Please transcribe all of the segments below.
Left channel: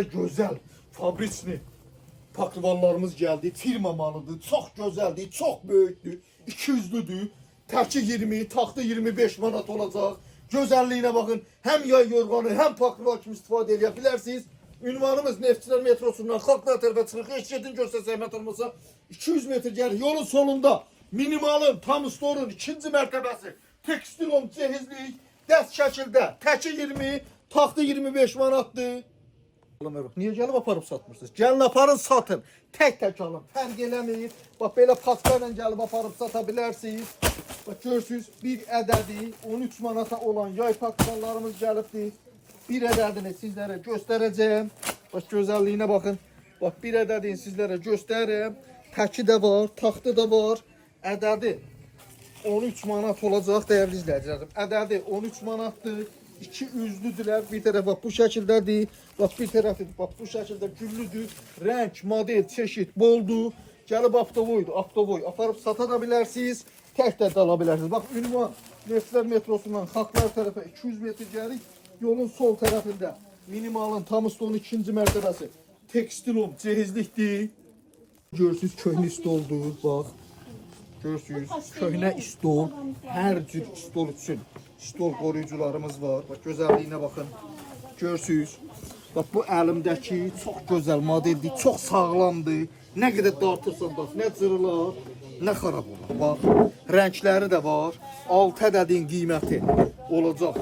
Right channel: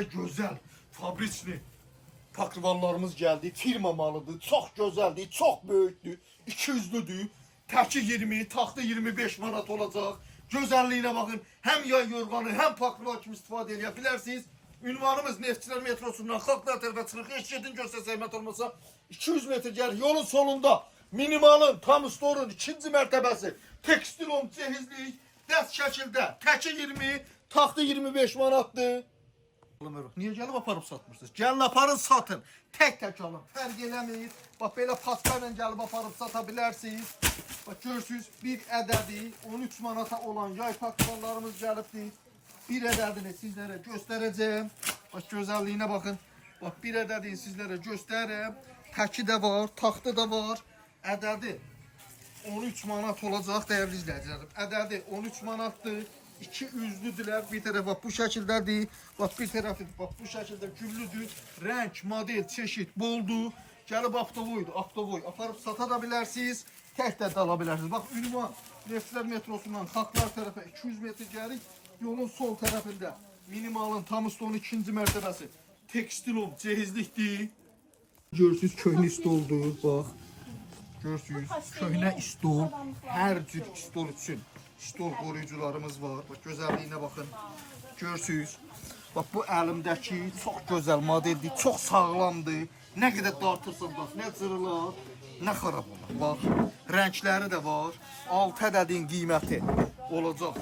Gözəl, fabriçli paklivanlarımız gəldi. Firma malıdır. Çox gözəldir, çox böyükdür. 200'lüdür. Təki 20, taxta 25 manat olacaq. Gözəlliyinə baxın. Həm yay yorğanı, həm paklivan kimi istifadə edə bilərsiniz. Ünvanımız Neftçilər metrosundan Xalqlar tərəfə çıxırıq. Heç gedin görsə zəhmət olmasa 200 metr gəlir. Yolun solunda minimalın, tam storun 2-ci mərtəbəsi. Tekstilon cehizlik, dəst şəkildə. Təki 20, taxta 25 manatdır. Niye gəlib aparıb satmırsınız? Gəlin aparın satın. Tək alın. Fərq eləmir. Bax belə paskayla gəlib aparıb sata bilərsiniz. Bax görürsünüz bir ədədi 13 manata olan yay paklivanlarımız gəlibdir. Bir ədədini sizlərə göstərəcəm. Bax gözəlliyinə baxın. Bax bir ədədini sizlərə göstərirəm. Təki də var, taxtı da var. Ədədi 13 manat olacaq dəyərli izləyicilərim. Ədədi 13 manatdır. 2 üzlüdülər. Bir tərəf bax bu şəkildədir. Bax bir tərəfi bax bu şəkildə güllüdür. Rəng, model, çeşid boldur. Gəlib avtovoydur. Avtovoy aparıb sata da bilərsiniz. Tək də ala bilərsiniz. Bax ünvan Neftçilər metrosundan Xalqlar tərəfə 200 metr gəlir. Yolun sol tərəfində minimalın tam stolun 2-ci mərtəbəsi. Tekstilon cehizlikdir. Görürsünüz köhnə stoldur. Bax. Görürsünüz köhnə stol. Hər cür stol üçün stol qoruyucularımız var. Bax gözəlliyinə baxın. Görürsünüz. Bax bu əlimdəki çox gözəl modeldir, çox sağlamdır. Nə qədər dartırsan bax, nə cırılar, nə xarab olur. Bax, rəngləri də var. 6 ədədin qiyməti olacaq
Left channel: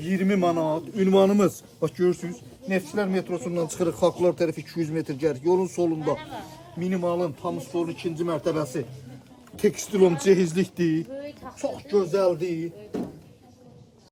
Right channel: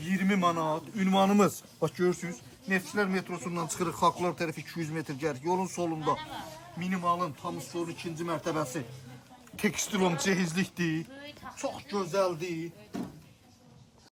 20 manat. Ünvanımız bax görürsünüz. Neftçilər metrosundan çıxırıq Xalqlar tərəfi 200 metr gəlir. Yolun solunda minimalın tam stolun 2-ci mərtəbəsi. Tekstilon cehizlikdir. Çox gözəldir.